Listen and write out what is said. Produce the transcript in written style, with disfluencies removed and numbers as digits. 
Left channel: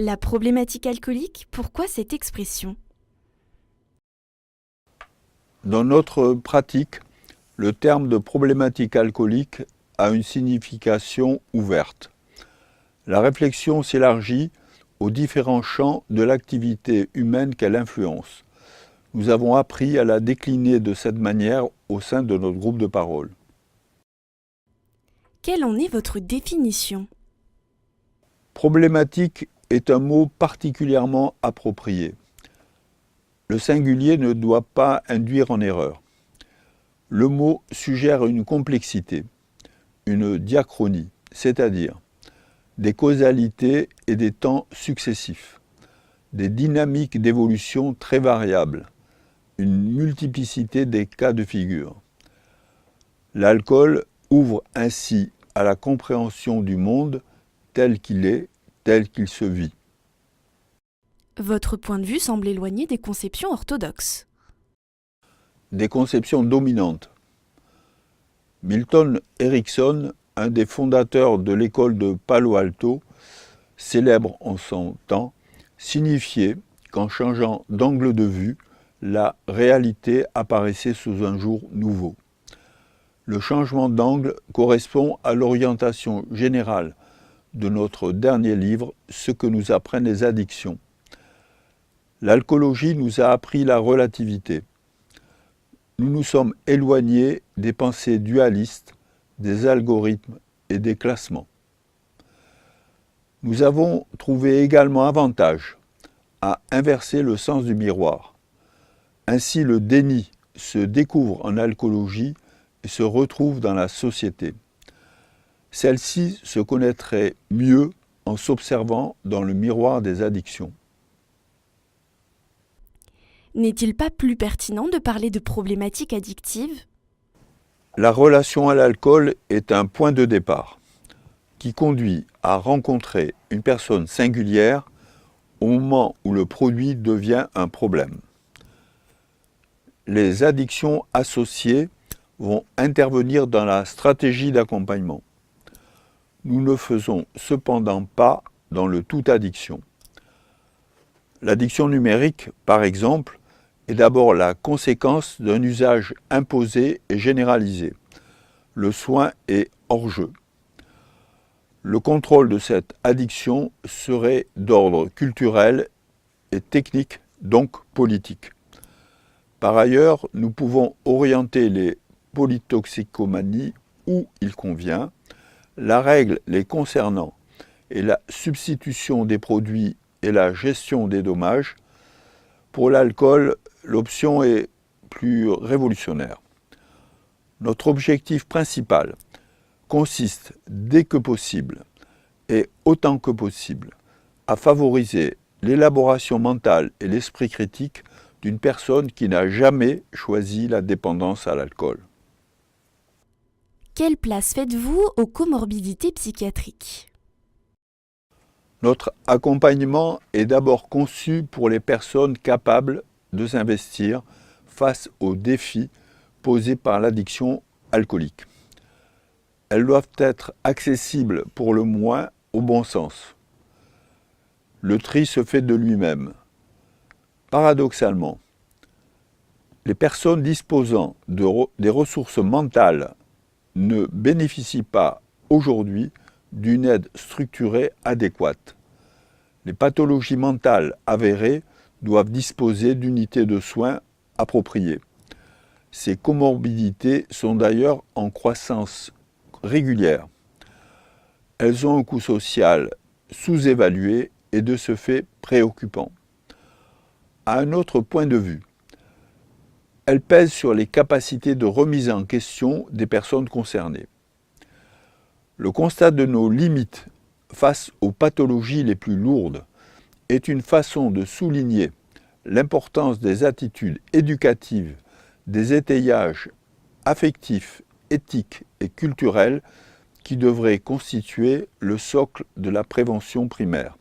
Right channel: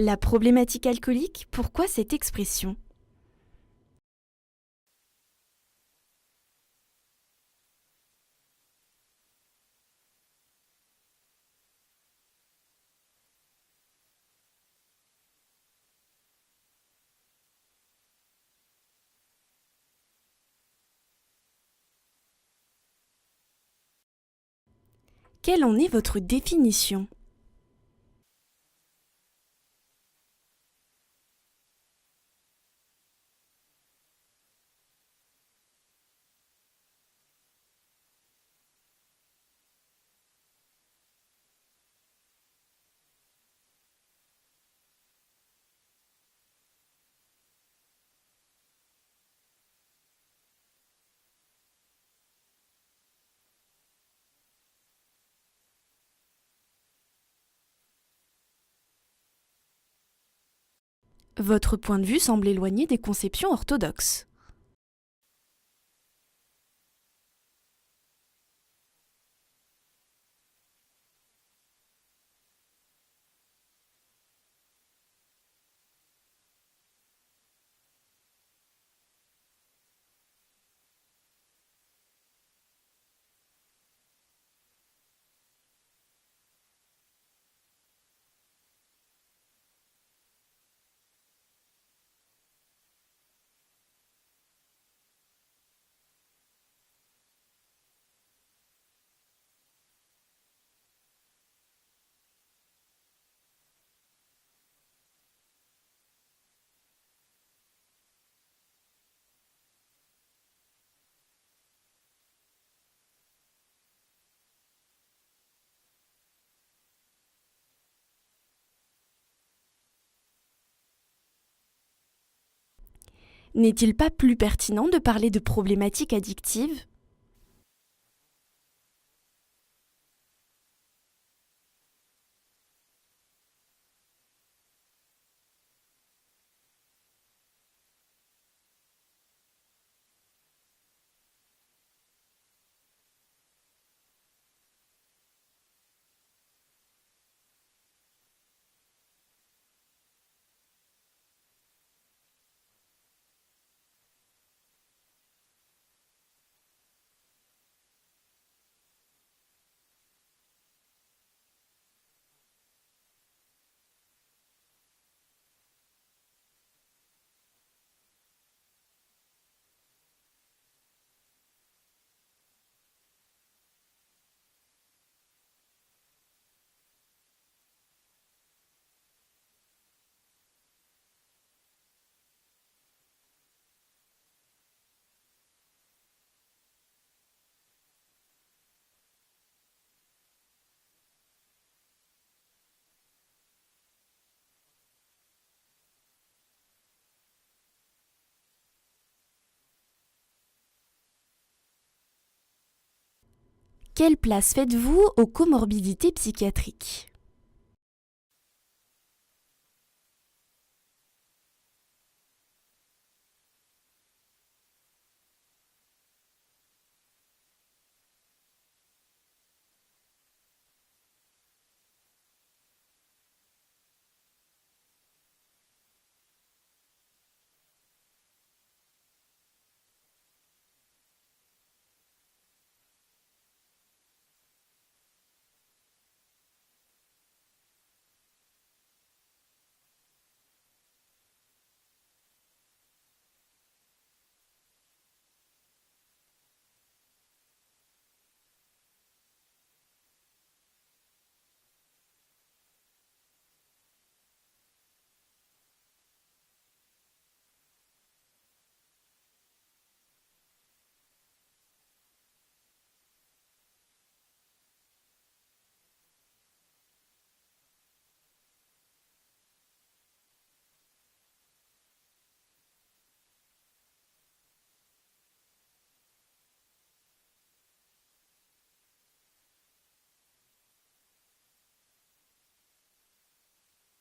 La problématique alcoolique, pourquoi cette expression? Dans notre pratique, le terme de problématique alcoolique a une signification ouverte. La réflexion s'élargit aux différents champs de l'activité humaine qu'elle influence. Nous avons appris à la décliner de cette manière au sein de notre groupe de parole. Quelle en est votre définition? Problématique est un mot particulièrement approprié. Le singulier ne doit pas induire en erreur. Le mot suggère une complexité, une diachronie, c'est-à-dire des causalités et des temps successifs, des dynamiques d'évolution très variables, une multiplicité des cas de figure. L'alcool ouvre ainsi à la compréhension du monde tel qu'il est, tel qu'il se vit. Votre point de vue semble éloigné des conceptions orthodoxes. Des conceptions dominantes. Milton Erickson, un des fondateurs de l'école de Palo Alto, célèbre en son temps, signifiait qu'en changeant d'angle de vue, la réalité apparaissait sous un jour nouveau. Le changement d'angle correspond à l'orientation générale de notre dernier livre, Ce que nous apprennent les addictions. L'alcoolologie nous a appris la relativité. Nous nous sommes éloignés des pensées dualistes, des algorithmes et des classements. Nous avons trouvé également avantage à inverser le sens du miroir. Ainsi, le déni se découvre en alcoolologie et se retrouve dans la société. Celle-ci se connaîtrait mieux en s'observant dans le miroir des addictions. N'est-il pas plus pertinent de parler de problématiques addictives? La relation à l'alcool est un point de départ qui conduit à rencontrer une personne singulière au moment où le produit devient un problème. Les addictions associées vont intervenir dans la stratégie d'accompagnement. Nous ne faisons cependant pas dans le tout addiction. L'addiction numérique, par exemple, est d'abord la conséquence d'un usage imposé et généralisé. Le soin est hors jeu. Le contrôle de cette addiction serait d'ordre culturel et technique, donc politique. Par ailleurs, nous pouvons orienter les polytoxicomanies où il convient. La règle les concernant est la substitution des produits et la gestion des dommages. Pour l'alcool, l'option est plus révolutionnaire. Notre objectif principal consiste, dès que possible et autant que possible, à favoriser l'élaboration mentale et l'esprit critique d'une personne qui n'a jamais choisi la dépendance à l'alcool. Quelle place faites-vous aux comorbidités psychiatriques? Notre accompagnement est d'abord conçu pour les personnes capables de s'investir face aux défis posés par l'addiction alcoolique. Elles doivent être accessibles pour le moins au bon sens. Le tri se fait de lui-même. Paradoxalement, les personnes disposant des ressources mentales ne bénéficient pas aujourd'hui d'une aide structurée adéquate. Les pathologies mentales avérées doivent disposer d'unités de soins appropriées. Ces comorbidités sont d'ailleurs en croissance régulière. Elles ont un coût social sous-évalué et de ce fait préoccupant. À un autre point de vue, elles pèsent sur les capacités de remise en question des personnes concernées. Le constat de nos limites face aux pathologies les plus lourdes est une façon de souligner l'importance des attitudes éducatives, des étayages affectifs, éthiques et culturels qui devraient constituer le socle de la prévention primaire.